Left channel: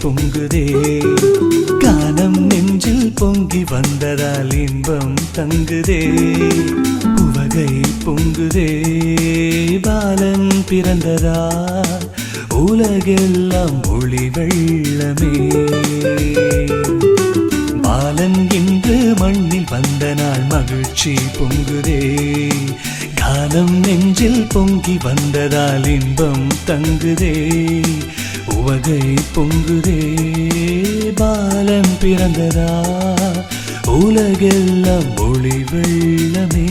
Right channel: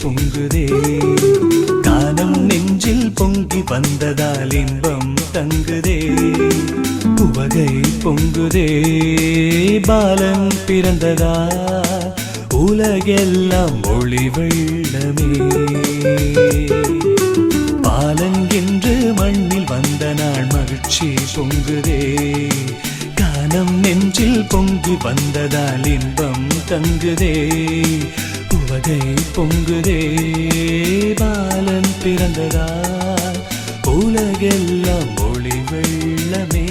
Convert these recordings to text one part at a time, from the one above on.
பொங்குதே கானம் நெஞ்சில் பொங்கி வந்ததால் இன்பம் தங்குதே உவகை பொங்குதே பாலன் பிறந்ததா உலகெல்லாம் ஒளி வெள்ளமே பாலன் என்று மண்ணில் வந்த நாள் மகிழ்ச்சி பொங்குதே கானம் நெஞ்சில் பொங்கி வந்ததால் இன்பம் தங்குதே உவகை பொங்குதே பாலன் பிறந்ததா உலகெல்லாம் ஒளி வெள்ளமே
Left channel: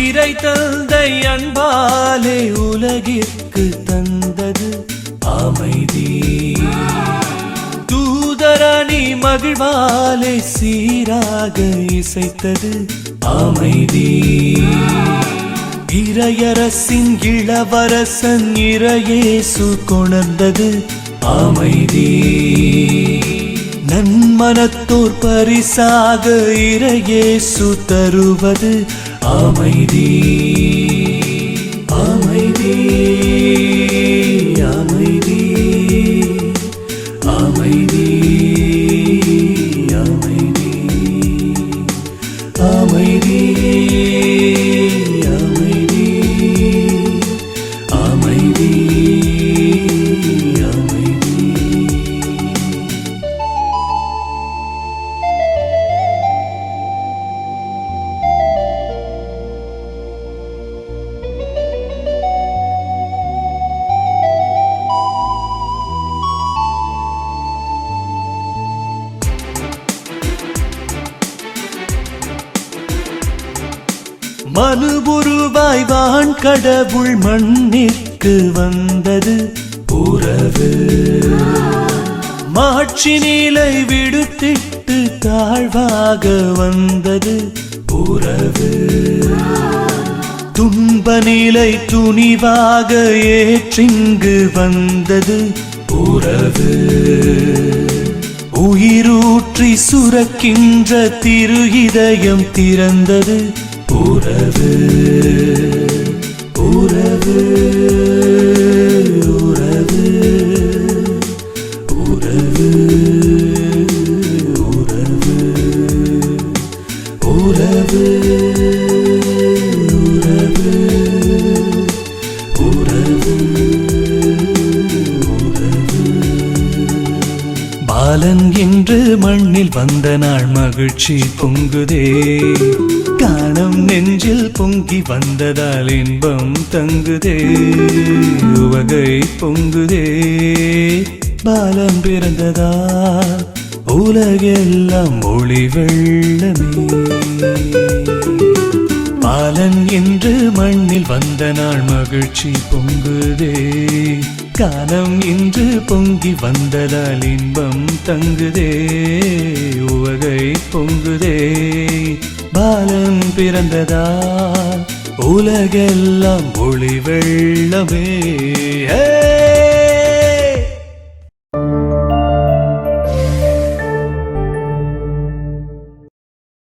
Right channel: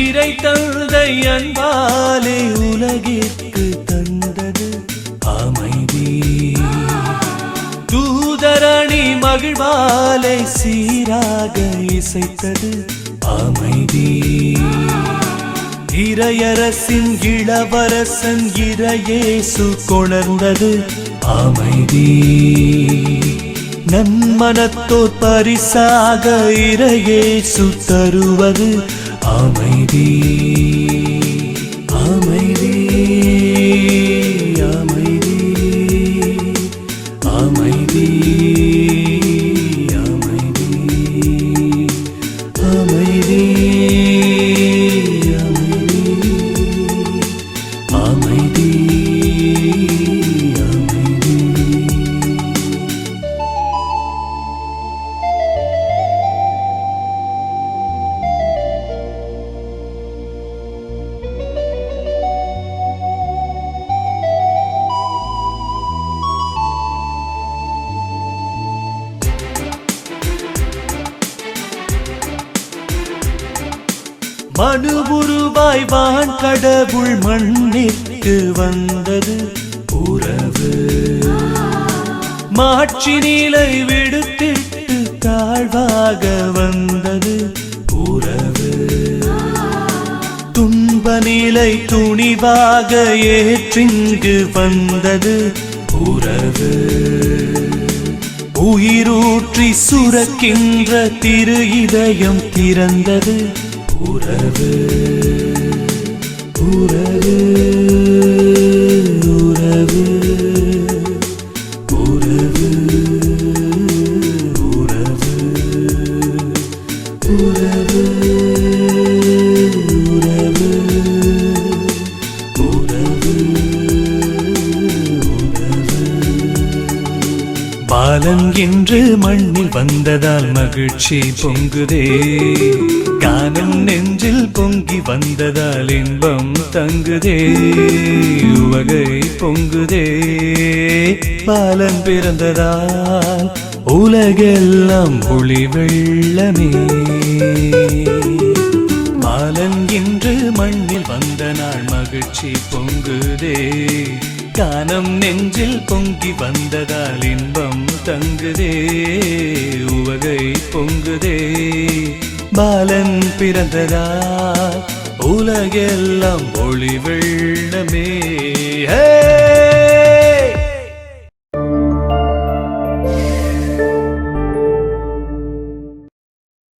இறை தந்தை அன்பாலே உலகிற்கு தந்தது அமைதி தூதரணி மகிழ்வாலே சீராக இசைத்தது அமைதி இறையரசின் இளவரசன் இறையேசு கொணர்ந்தது அமைதி நன்மனத்தோர் பரிசாக இறையேசு தருவது அமைதி அமைதி அமைதி அமைதி அமைதி அமைதி அமைதி மனு உருவாய் வான் கடவுள் மண்ணிற்கு வந்தது உறவு மாட்சி நிலை விடுத்திட்டு தாழ்வாக வந்தது உறவு துன்ப நிலை துணிவாக ஏற்றிங்கு வந்தது உறவு உயிரூற்றி சுரக்கின்ற திரு இதயம் திறந்தது உறவு உறவு உறவு உறவு உறவு உறவு பாலன் என்று மண்ணில் வந்த நாள் மகிழ்ச்சி பொங்குதே கானம் நெஞ்சில் பொங்கி வந்ததால் இன்பம் தங்குதே உவகை பொங்குதே பாலன் பிறந்ததால் உலகெல்லாம் ஒளி வெள்ளமே பாலன் என்று மண்ணில் வந்த நாள் மகிழ்ச்சி பொங்குதே கானம் நெஞ்சில் பொங்கி வந்ததால் இன்பம் தங்குதே உவகை பொங்குதே பாலன் பிறந்ததால் உலகெல்லாம் ஒளி வெள்ளமே